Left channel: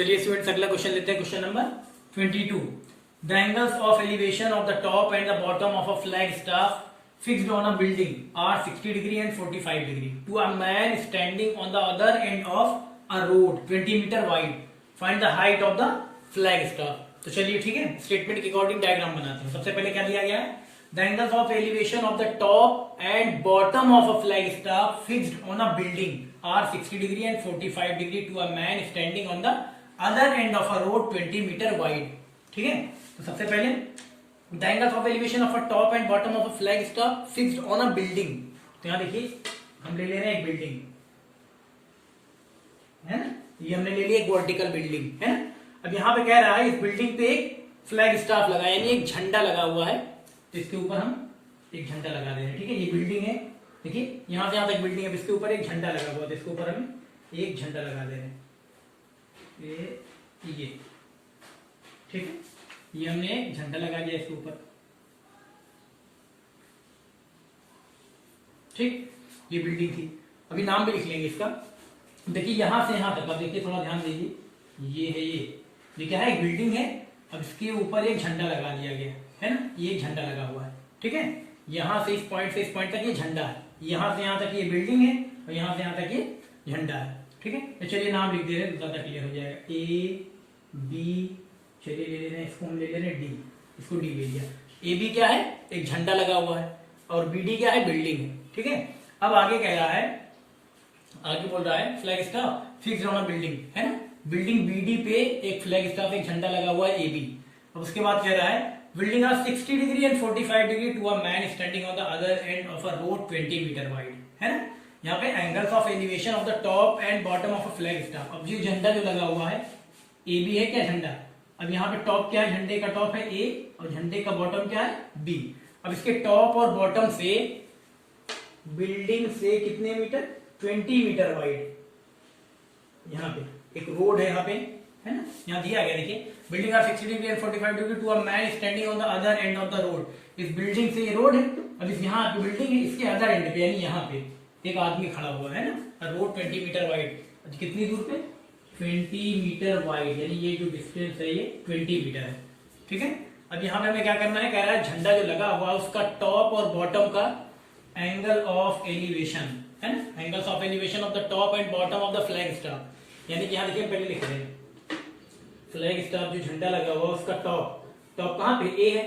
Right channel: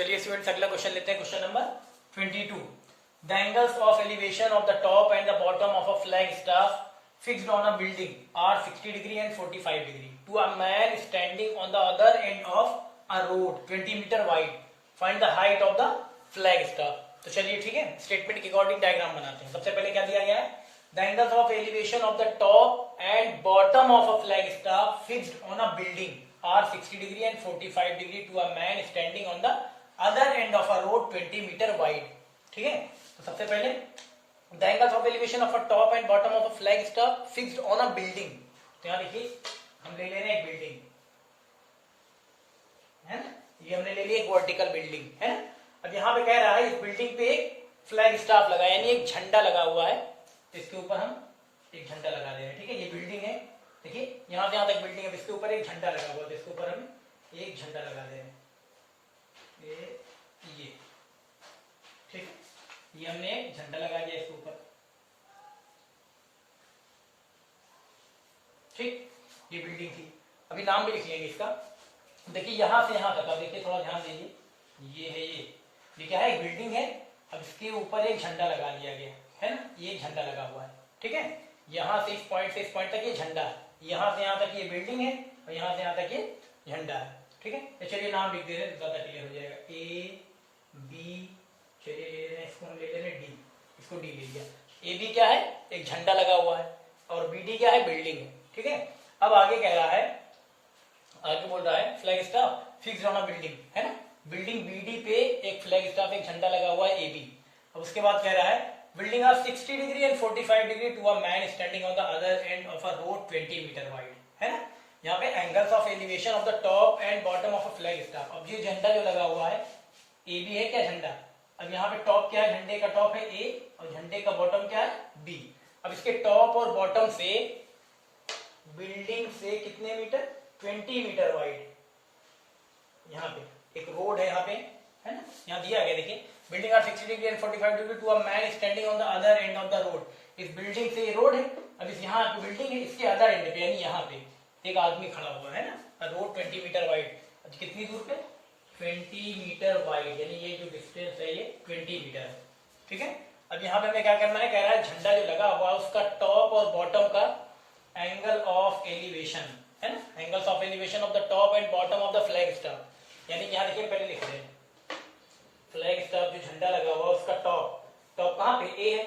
चलिए स्टूडेंट्स अगला क्वेश्चन लेते हैं। Question number 22। The angles of elevation of the top and the bottom of a flag staff fixed on a building are 60 degree and 45 degree to a man standing on the other end of a road 20 meter wide. Find the height of the flag staff. तो चलिए ठीक है, statement के according diagram बनाते हैं। सबसे पहले क्या दिया गया है, the angles of elevation of the top and bottom of a flag staff fixed on a building are 60 degree and 45 degree to a man standing on the other end of a road 20 metre wide. ठीक है, तो सबसे पहले the angles of elevation of a top and bottom of a flag staff fixed on a building. तो यहां देखिए हम ले रहे हैं एक बिल्डिंग है ना, ये हमने ले लिया एक वर्टिकल बिल्डिंग है ना। अब यहां पे कह रहा है इस बिल्डिंग पे एक फ्लैग स्टाफ लगा यानी एक झंडा लगा हुआ है, तो इसके ऊपर हम एक झंडा लगा दे रहे हैं। ठीक है, ये बिल्डिंग है, देखिए यहां से यहां तक बिल्डिंग है, इसके ऊपर एक झंडा लगा हुआ है, तो इसके ऊपर हम एक झंडा लगा दे रहे हैं। ये ठीक है, ये हमने एक झंडा लगा दिया इसके ऊपर। ठीक, ये बिल्डिंग थी। अभी नाम भी लिख लेंगे इसका। देखिए यहां से यहां तक, अब देखिए थोड़ा ध्यान दीजिए, ये है ये क्या है, एक बिल्डिंग है। अब इसके ऊपर एक झंडा लगा दिया गया है ना, ये झंडा लगा हुआ है। ठीक है, यहां से इस पॉइंट तक ये झंडा है, यहां से यहां तक ये बिल्डिंग है और यहां से यहां तक ये झंडा है। ठीक है, तो चलिए नाम लिख दे रहे हैं, ज्यादा क्लियर हो जाएगा। ए बी, चलिए ले रहे हैं इसको, हम ले ले रहे हैं डी, इसको डी ले लिया। ए बी क्या है, एक झंडा लगा हुआ है, और बी डी क्या है, बिल्डिंग है। ठीक है, अब आगे कह रहा है, आगे बोल रहा है flag staff fixed on a building है ना, बिल्डिंग बी डी पे एक फ्लैग स्टाफ एक झंडा लगा हुआ है ए बी। अब उसके बाद कह रहा है building are 60 degree and 45 degree to a man standing on the other end of a road 20 metre wide है ना। यहाँ पे angles of elevation of the top and bottom of a flag staff. अब ये झंडा जो लगा हुआ है ए बी है क्या झंडा, अब यहाँ पे टॉप क्या है, झंडे का टॉप है ए और झंडे का बॉटम क्या है बी। अब इसके टॉप और बॉटम से बिल्डिंग से कितने मीटर, 20 मीटर वाइड, यहाँ पे एक रोड है यहाँ पे है ना, यहाँ दिया गया देखिए building are 60 degree and 45 degree to a man standing on the other end of the road. इस बिल्डिंग से ये रोड है, अब इस यहाँ जो बिल्डिंग है इसके अदर एंड पे यानी यहाँ पे एक आदमी खड़ा हुआ है ना, रोड 20 मीटर वाइड। कितनी दूर पे, 20 मीटर वाइड, यानी ये जो डिस्टेंस है ये 20 मीटर है। ठीक है, अब यहाँ पे हमें क्या करना है, कह रहा है झंडा जो लगा हुआ है उसका टॉप और बॉटम का एंगल ऑफ एलिवेशन है ना, angles of elevation of the top and bottom of the flag staff. यानी कि यहाँ देखिए पहले लिख रहे हैं फ्लैग स्टाफ जो झंडा लगा हुआ है उसका टॉप कहाँ पे ए है,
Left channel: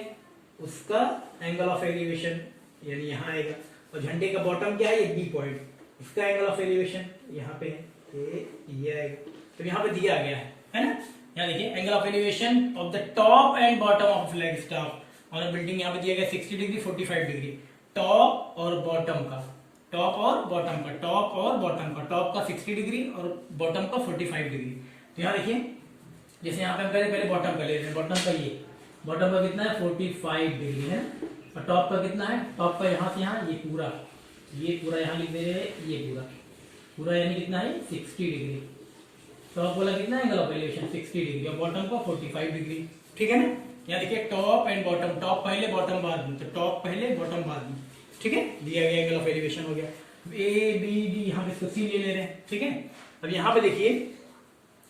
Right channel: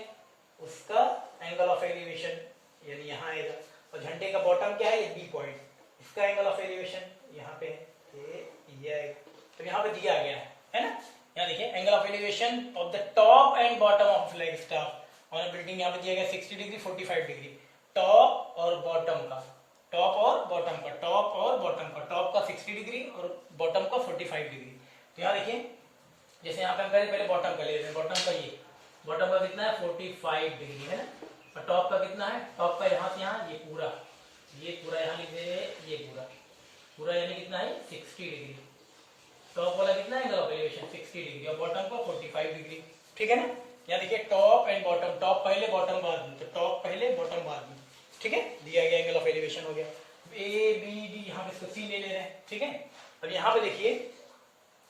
उसका एंगल ऑफ एलिवेशन यानी यहाँ आएगा, और झंडे का बॉटम क्या है ये बी पॉइंट, इसका एंगल ऑफ एलिवेशन यहाँ पे है, ये आएगा। तो यहाँ पे दिया गया है ना, यहाँ देखिए angle of elevation of the top and bottom of flag staff और बिल्डिंग यहाँ पे दिया गया 60 डिग्री 45 डिग्री, टॉप और बॉटम का, टॉप और बॉटम का, टॉप और बॉटम का, टॉप का 60 डिग्री और बॉटम का 45 डिग्री। यहाँ देखिए जैसे यहाँ पे हम पहले बॉटम का ले रहे हैं, बॉटम का ये बॉटम का कितना है 45 डिग्री है ना, और टॉप का कितना है, टॉप का यहाँ से यहाँ ये पूरा यहाँ लिख दे रहे हैं, ये पूरा यानी कितना है 60 डिग्री। टॉप वाला कितना है एंगल ऑफ एलिवेशन 60 डिग्री और बॉटम का 45 डिग्री। ठीक है ना, यहाँ देखिए टॉप एंड बॉटम, टॉप पहले बॉटम बाद में, तो टॉप पहले बॉटम बाद में। ठीक है, दिया गया एंगल ऑफ एलिवेशन हो गया। ए बी डी, यहाँ पे इसको सी ले ले रहे हैं। ठीक है, अब यहाँ पे देखिए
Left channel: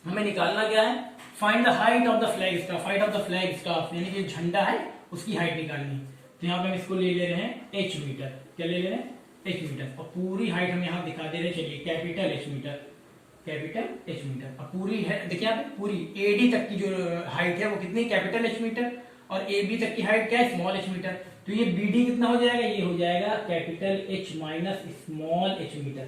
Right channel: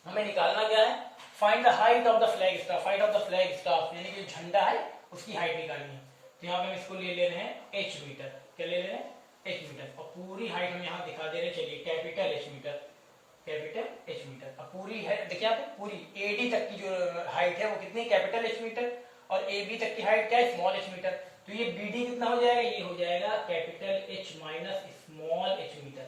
हमें निकालना क्या है, find the height of the flag staff, height of the flag staff यानी कि झंडा है उसकी हाइट निकालनी है। तो यहाँ पे हम इसको ले ले रहे हैं h मीटर, क्या ले ले रहे हैं h मीटर, और पूरी हाइट हम यहाँ दिखा दे रहे हैं, चलिए capital H metre, capital H metre. अब पूरी है देखिए यहाँ पे पूरी AD तक की जो हाइट है वो कितनी, कैपिटल H मीटर, और AB तक की हाइट क्या है, स्मॉल h मीटर। तो ये BD कितना हो जाएगा, ये हो जाएगा capital H minus small h metre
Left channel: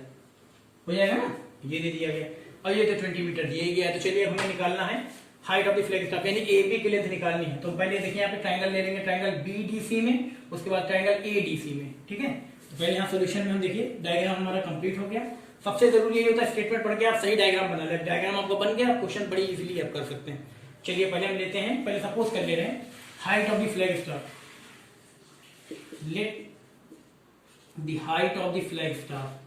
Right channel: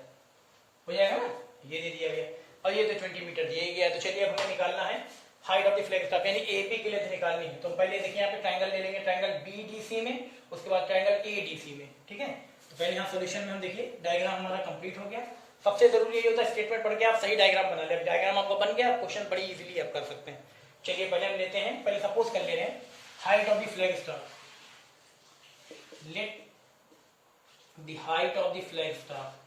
हो जाएगा ना, ये ले दिया गया, और ये तो 20 मीटर दिया गया। तो चलिए अब हमें निकालना है height of the flag staff यानी AB की लेंथ निकालनी है। तो पहले देखिए यहाँ पे ट्रायंगल ले लेंगे, ट्रायंगल BDC में, उसके बाद ट्रायंगल ADC में। ठीक है, तो पहले यहाँ सॉल्यूशन में हम देखिए डायग्राम हमारा कंप्लीट हो गया। सबसे जरूरी ये होता है स्टेटमेंट पढ़ के आप सही डायग्राम बना ले, डायग्राम आपको बन गया, क्वेश्चन बड़ी इजीली आप कर सकते हैं। चलिए पहले हम लेते हैं, पहले सपोज कर ले रहे हैं height of the flag staff, let the height of the flag staff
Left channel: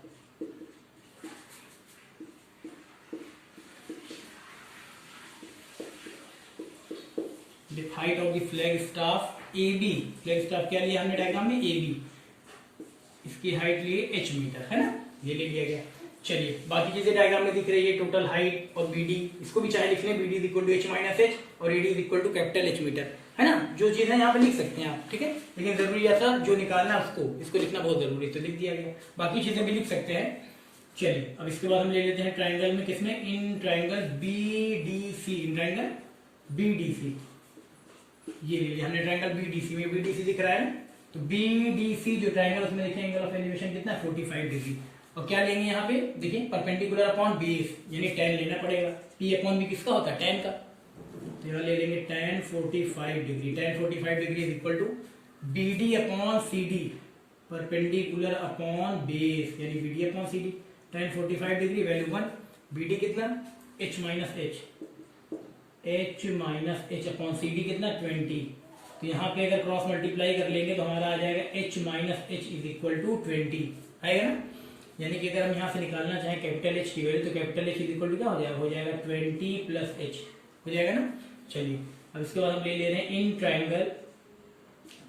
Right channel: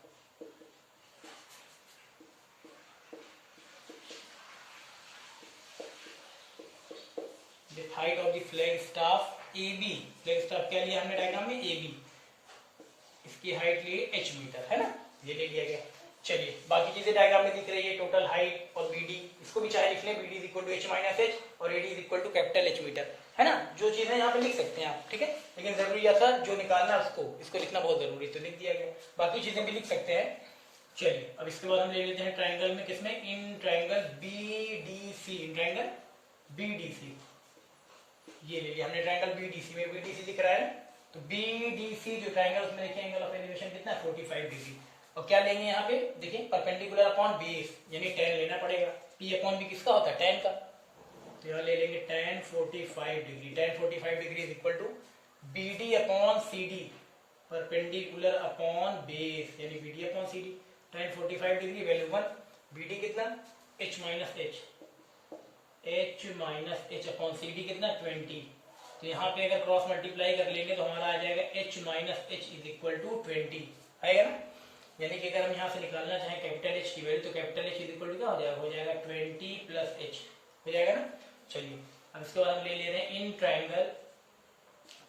height of the flag staff AB, flag staff क्या लिया हमने डायग्राम में AB, इसकी हाइट लिए h मीटर है ना, ये ले लिया गया। चलिए बाकी चीजें डायग्राम में दिख रही है, टोटल हाइट और बीडी, इसको भी चाहे लिख लें, BD is equal to H minus H और AD is equal to capital H meter, है ना। जो चीजें यहाँ पे लिख सकते हैं आप, ठीक है, लेकिन जरूरी ऐसा जो निकालना है उसको, इसको लिखना बहुत जरूरी, तो लिख दिया गया, बाकी चीजें भी लिख सकते हैं। चलिए अब इसके बाद हम ले लेते हैं ट्राइंगल में, किसमें, in triangle BDC, in triangle BDC, ये ले लिया हमने ट्राइंगल बीडीसी में, बीडीसी दिख रहा है, तो बीडीसी जो ट्राइंगल उसमें देखिए एंगल ऑफ एलिवेशन कितना है 45 डिग्री, और क्या लेंगे यहाँ पे देखिए परपेंडिकुलर अपॉन बेस, यानी tan लेना पड़ेगा, P अपॉन B किसका होता है, tan का, तो यहाँ ले लेंगे tan 45 degree, tan 45 degree is equal to BD upon CD perpendicular upon base, यानी BD upon CD, tan 45 degree value 1, BD कितना h minus h upon CD कितना 20, तो यहाँ पे अगर क्रॉस मल्टीप्लाई कर लेंगे तो हमारा आ जाएगा h minus h is equal to 20 आएगा ना, यानी कि अगर हम यहाँ से निकालना चाहें कैपिटल H की वैल्यू तो capital H is equal to क्या हो जाएगा 20 प्लस h हो जाएगा ना। चलिए अब इसके बाद हम ले ले रहे हैं इन ट्राइंगल,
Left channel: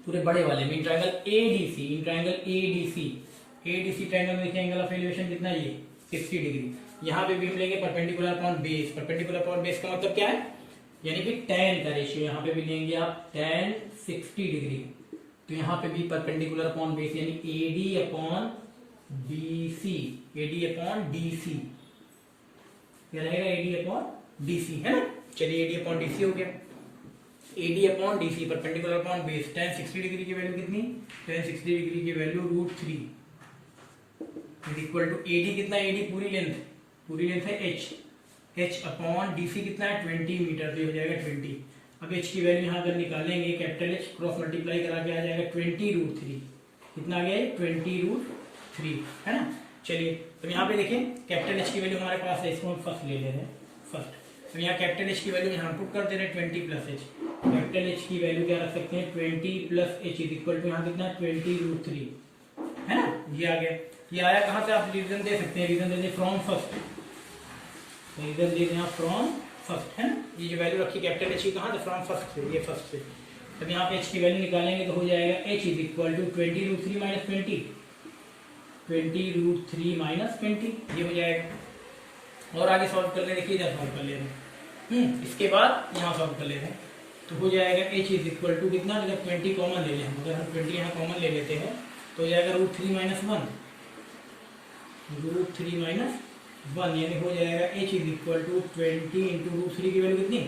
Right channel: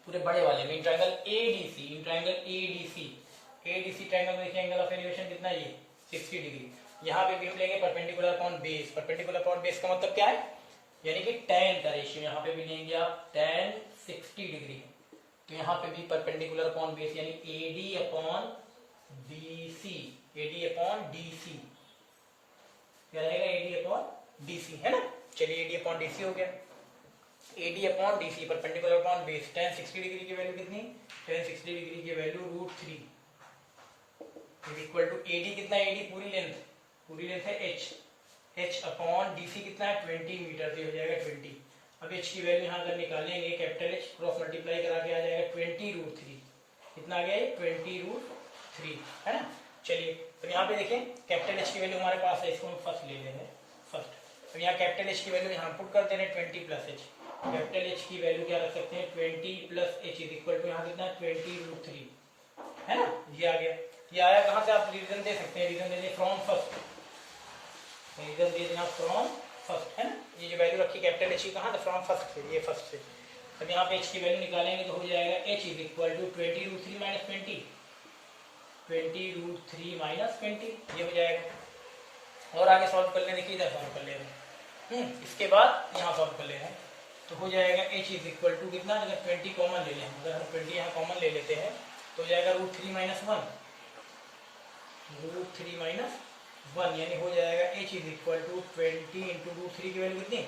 पूरे बड़े वाले में, in triangle ADC, in triangle ADC triangle में देखिए एंगल ऑफ एलिवेशन कितना है ये 60 डिग्री, यहाँ पे भी हम लेंगे perpendicular upon base, perpendicular upon base का मतलब क्या है, यानी कि tan का रेशियो, यहाँ पे भी लेंगे आप tan 60 डिग्री, तो यहाँ पे भी परपेंडिकुलर अपॉन बेस यानी AD upon BC, AD upon DC, क्या रहेगा AD अपॉन DC, है ना। चलिए AD अपॉन DC हो गया, AD upon DC perpendicular upon base, tan 60 degree की वैल्यू कितनी, tan 60 डिग्री की value √3 is equal to AD कितना, AD पूरी लेंथ है h अपॉन DC कितना है 20 मीटर, तो हो जाएगा 20, अब h की वैल्यू यहाँ अगर निकालेंगे कैपिटल H क्रॉस मल्टीप्लाई करा के आ जाएगा 20 √3, कितना आ गया 20 √3, है ना। चलिए तो यहाँ पे देखिए कैपिटल H की वैल्यू हमारे पास है, इसको हम फर्स्ट ले ले रहे हैं, फर्स्ट, तो यहाँ कैपिटल H की वैल्यू यहाँ पुट कर दे रहे हैं 20 प्लस h, कैपिटल H की वैल्यू क्या रख सकते हैं 20 plus h is equal to यहाँ कितना 20 √3, है ना, ये आ गया। ये आया कहाँ से, आप रीजन दे सकते हैं, रीजन दे दें फ्रॉम फर्स्ट, रीजन दे दें आप फ्रॉम फर्स्ट, है ना, ये जो वैल्यू रखी कैपिटल H की कहाँ से, फ्रॉम फर्स्ट से, ये फर्स्ट से, तब यहाँ पे h की वैल्यू निकालेंगे तो हो जाएगा h is equal to 20 √3 minus 20 √3 minus 20, ये हो जाएगा। और आगे सॉल्व कर ले, देखिए इधर सॉल्व कर ले रहे हैं, इसके बाद यहाँ सॉल्व कर ले रहे हैं, तो हो जाएगा h इज इक्वल टू कितना, अगर 20 कॉमन ले लें, अगर हम 20 यहाँ कॉमन ले लेते हैं तो हो जाएगा √3 माइनस 1, √3 माइनस 1, यानी हो जाएगा h is equal to 20 into √3 की वैल्यू कितनी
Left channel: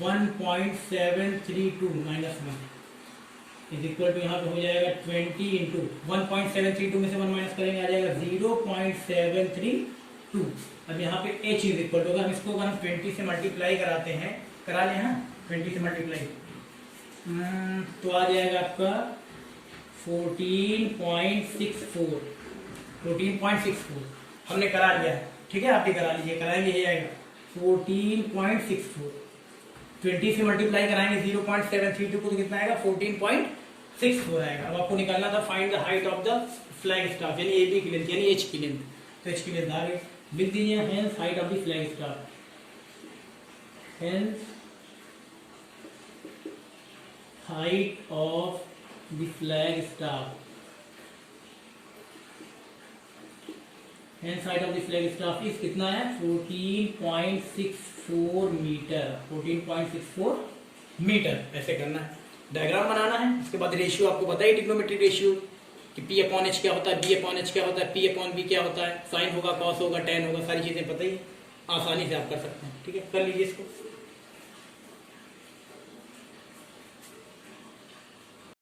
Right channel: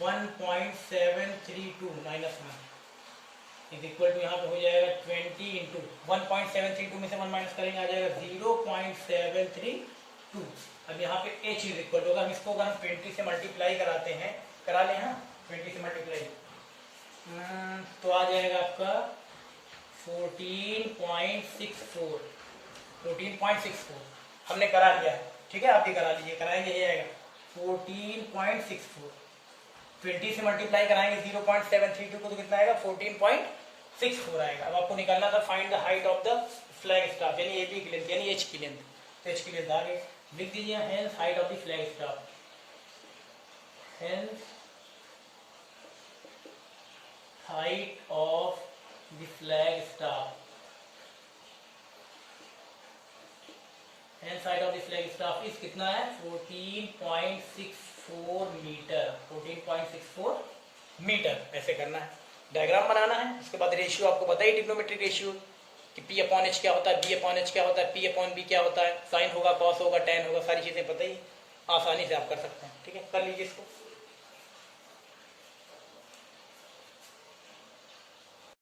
1.732 माइनस 1 इज इक्वल टू यहाँ पे हो जाएगा 20 इंटू 1.732 में से 1 माइनस करेंगे आ जाएगा 0.732। अब यहाँ पे h इज इक्वल टू, अगर हम इसको अगर हम 20 से मल्टीप्लाई कराते हैं, करा लें हाँ 20 से मल्टीप्लाई, तो आ जाएगा आपका 14.64 हमने करा लिया है, ठीक है, आप भी करा लीजिए, कराएंगे ये आएगा 14.64, 20 से मल्टीप्लाई कराएंगे 0.732 को तो कितना आएगा 14.64 आएगा। अब आपको निकालना था find the height of the flag staff, यानी AB की लेंथ, यानी H की लेंथ, तो H की लेंथ आ गई, लिख दीजिए hence height of the flag staff, hence height of the flag staff, hence height of the flag staff इस कितना है 14.64 मीटर, 14.64 मीटर, ऐसे करना है, डायग्राम बनाना है। उसके बाद रेशियो आपको पता ही ट्रिग्नोमेट्री रेशियो कि P अपॉन H क्या होता है, B अपॉन H क्या होता है, P अपॉन B क्या होता है, साइन होगा, कॉस होगा, tan होगा, सारी चीजें पता ही, आसानी से आप कर सकते हैं, ठीक है, कर लीजिए इसको।